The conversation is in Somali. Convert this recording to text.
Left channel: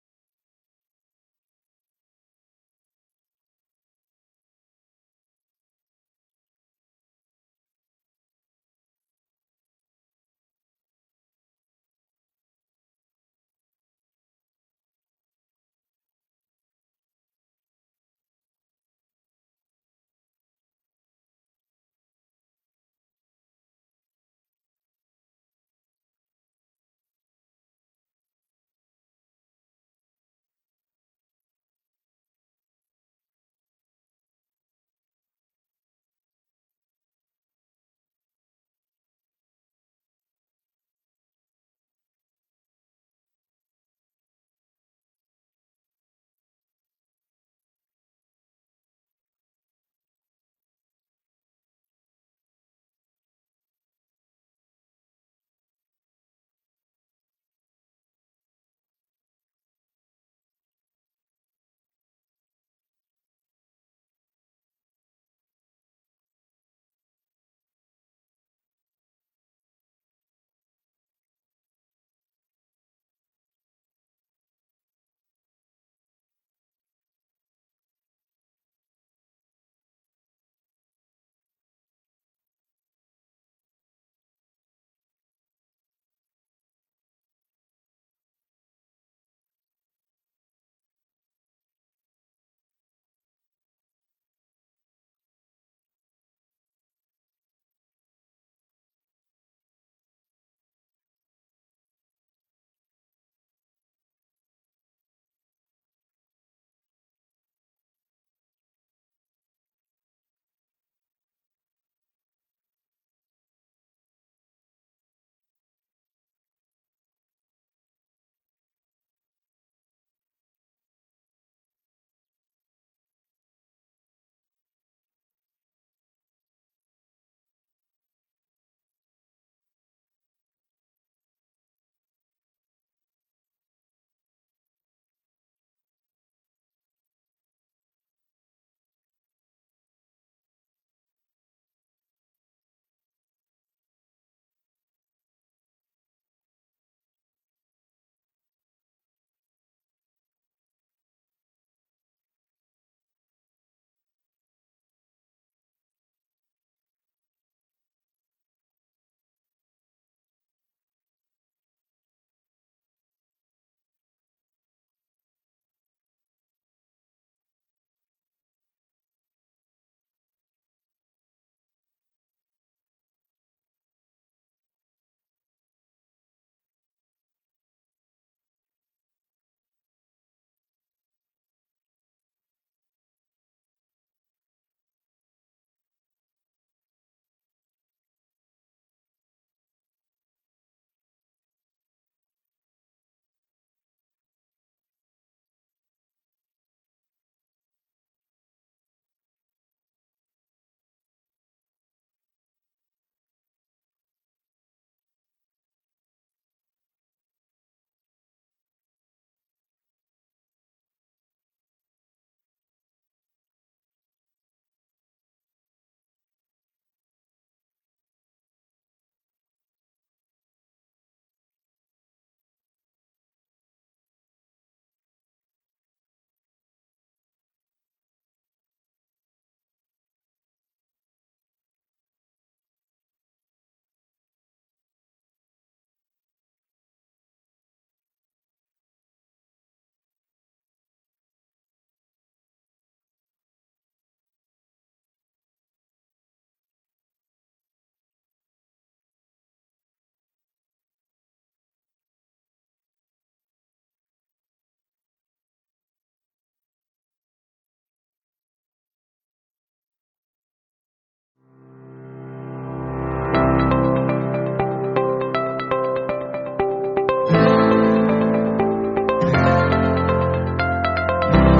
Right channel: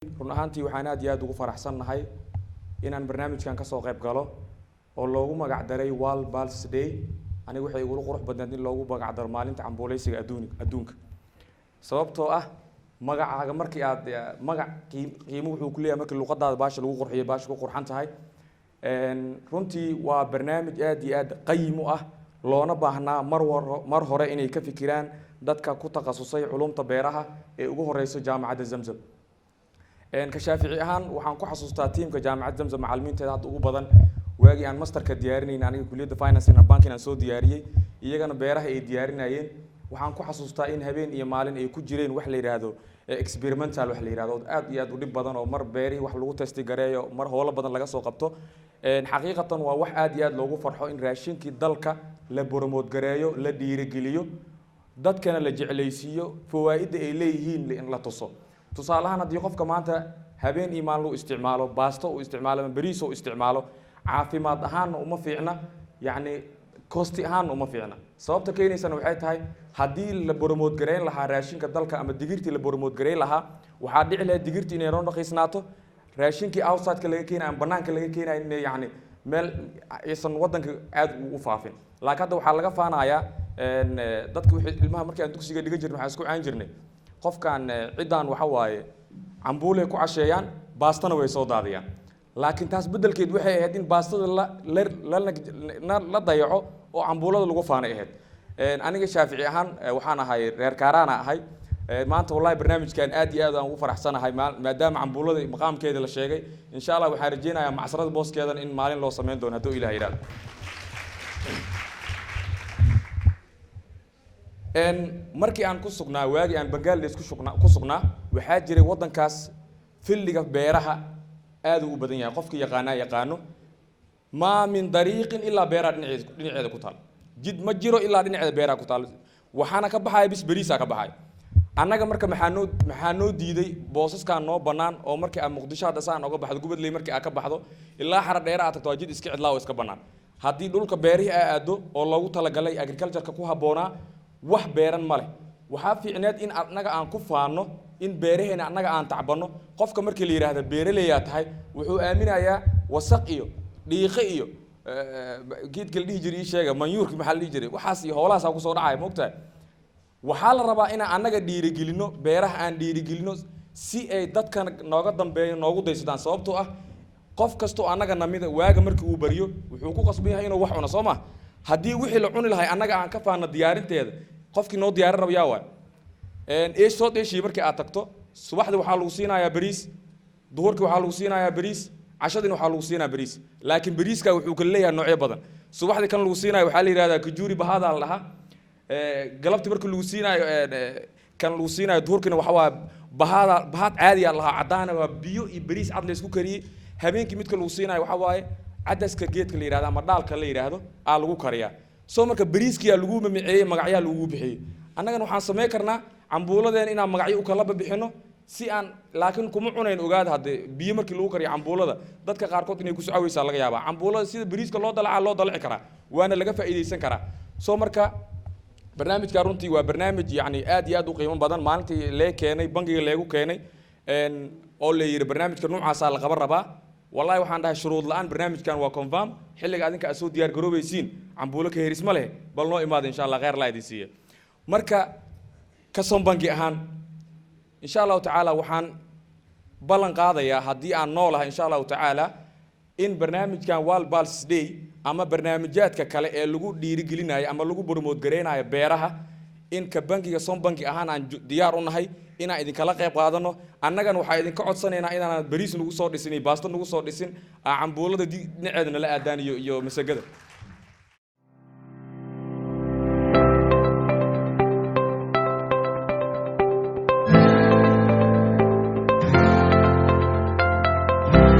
run ahaantii waxaan aad iyo aad ugu faraxsanahay inaan barnaamijkan ka soo qayb galo oo loogu magac daray World Pulse Day anigu waxay ugu qurux badnayd in loogu magac daro maalinta cambuuleysiga adduunka sababtoo ah magacaaga markii aad magac qiimo wuxuu ku leeyahay markii luqadaada baasha lagu qurxiyo baasha ku qurxan tahay runtii waa barnaamij aad iyo aad qayim u ah loona baahnaa mar hore inay ka fikiraan dadka ku takhasusay culumta beeraha ee ugu horeysa jaamacadda Zamzam ka shaafici ahaan waxaan ku xasuustaa tiimka jaamacadda Zamzam macallimiinteeda hadda ugu badan waagi aan masterka diyaarinayna aniga kulliyadda finance and banking aan soo diyaariyay iyagana beeraha ay diyaarinayeen waxaan ku xasuustaa in habeen iyo maalin ay ku jireen wax la yiraahdo experimental wax la yiraahdo aad iyo aad u dhib badan oo mar beerihii wax lagu testi gareeyo mar howlo badan laga soo qabto xaqiiqatan waa wax aad iyo aad loogu farxo in raashinkii dalka la promote gareeyo la dhiirigeliyo dadkana la jeclaysiiyo fawaaidda ay leeyihiin in la tuso tusaalahan haddii qofka maanta habeen iyo maalin uu isticmaalo baasto uu isticmaalo bariis uu isticmaalo caafimaad ahaan uma fiicna yani costi ahaan uma fiicna sababta keenaysana waxay tahay haddii la promote gareyn lahaa raashinka dalka ama digirtii la promote gareyn lahaa waxaa dhici lahayd digirtii inay noo dhaqiisnaato raashinkii outside-ka laga keenayo ama banaanka laga keenayo in yani meel aysan wadanka aad ugu faafin laakiin hadda waxaa laga faanayaa dadka wixii ilmaha markii aan dugsiga dhiga jirnay waxaan isku caan jirnay qofkan ciidan waxa waaye cambuule ku casheeyaan baastana way soo daadiyaan laakiin taas bedelkeed waxay ahayd in baastada la dayaco oo cambuulada lagu faanay ahayd aniga shaafici ahaan waxaan ahay reer kaaraana ahay maanta wallahi barnaamijkan aad iyo aad aan ugu faraxsanahay maadaama cambuulada maqaamkeeda la sheegay insha Allah waxaan rajeynayaa macsarada booskeedan in maalin loo sameyn doono haddii Ilaahay yiraahdo markii aan ku sugnaa waagi aan Bangladesh ku sugnaa waxaa jiray wadankaas filliga beeraha aad u badan yahay qofkii yaqaano ma min dariiqin illa beeraha dhinaceeda ku taal jid ma jiro illa dhinaceeda beeraha ku taal waxaana ka baxay bis bariisa ka baxay annaga marka maxaa noo diiday boosaskan noo banaan oo markii aan Muqdisho hadda saan uga baxdo gubadley markii aan ka baxdo ilaa xara dheer aad tagto jid iska cidlaa oo iska banaan haddii dhulka beerihi aado oo loogu talagalay agriculture-ka ku haboonaa wax beeran ma leh waxaa fiicneed in annaga aan ku faano in beeraheena annaga aan tacbano qofka markii la yiraahdo beeraleeya tahay wuxuu aaminayaa wasaq iyo dhiiqo iyo geedka dhihi jiray sheega manyuurka maxaa la dhihi jiray waxaas iyo howlahaas ku soo dhacay moogtahay waxaa la rabaa in annaga dhiirigelino beeraha aan dhiirigelino si ay dadkan nooga dambeeyo noogu daysadaan sababtoo ah qof kasto annaga namida waaga markii uu bariyo wuxuu ku qasban yahay inuu wax cuno Soomaa haddii wixii la cuni lahay annaga aan ka faano diyaarinteeda qofkii noo diyaarin rabo yaa waay soo deeshii markii aad tagto subaxdii waxaa lagu siinayaa bariis duhurkii waxaa lagu siinayaa bariis cashadii waxaa lagu siinayaa bariis laakiin bariiska wuxuu kala leeyahay noocyo badan subaxdii kan lagu siinayo waxaa la yiraahdaa kujuri bahada la dhahaa galabtii markii lagu siinayo kan lagu siinayo duhurkina waxa waa bahad caadi ah lahaa cadaan waa biyo iyo bariis cad la isku kariyay habeenkii midka lagu siinayo waxa waaye cadaska geedka la yiraahdo ama dhaalka la yiraahdo aa lagu kariyaa soo marka bariiskiya lagu mamaceeyay magacyo lagu bixiyay annagana waxaan sameey karnaa cambuuladeen inaan magacyo u kala bixino si aan laakiin kuma cunayn ogaad hadde biyo markii lagu kariyo cambuulada dadka qaar kood inay ku socawaysaa laga yaabaa cambuulada sida bariiska loo dalaci karaa waana laga faa'iideysan karaa soo marka barnaamijka runtii waa barnaamij yani aad iyo aad u qiimo badan maalintii la keenay bangiga leegu keenay oo la yiri barnaamijka noocaas la qaban rabaa والله waxaan dhahay shuruud la'aan barnaamijkan waa confirm xilliga adinka soo diyaar garoobaysiin cambuulo ka heeris ma leh bal noo imaado insha Allah khayr la idisiiyo marka ka soo bangi ahaan insha Allah taala waxaan ballan qaadayaa haddii aan noolahay insha Allah taala in barnaamijkan World Pulse Day ama barnaamijyaadka kale ee lagu dhiirigelinayo ama lagu promote gareynayo beeraha in ka bangiga soo bangi ahaan aan diyaar u nahay inaan idin kala qayb qaadano annagana waxa idin ka codsanaynaa inaan bariis nagu soo dhisin baasto nagu soo dhisin cambuulada dhinaceedana la aadaan iyo masagada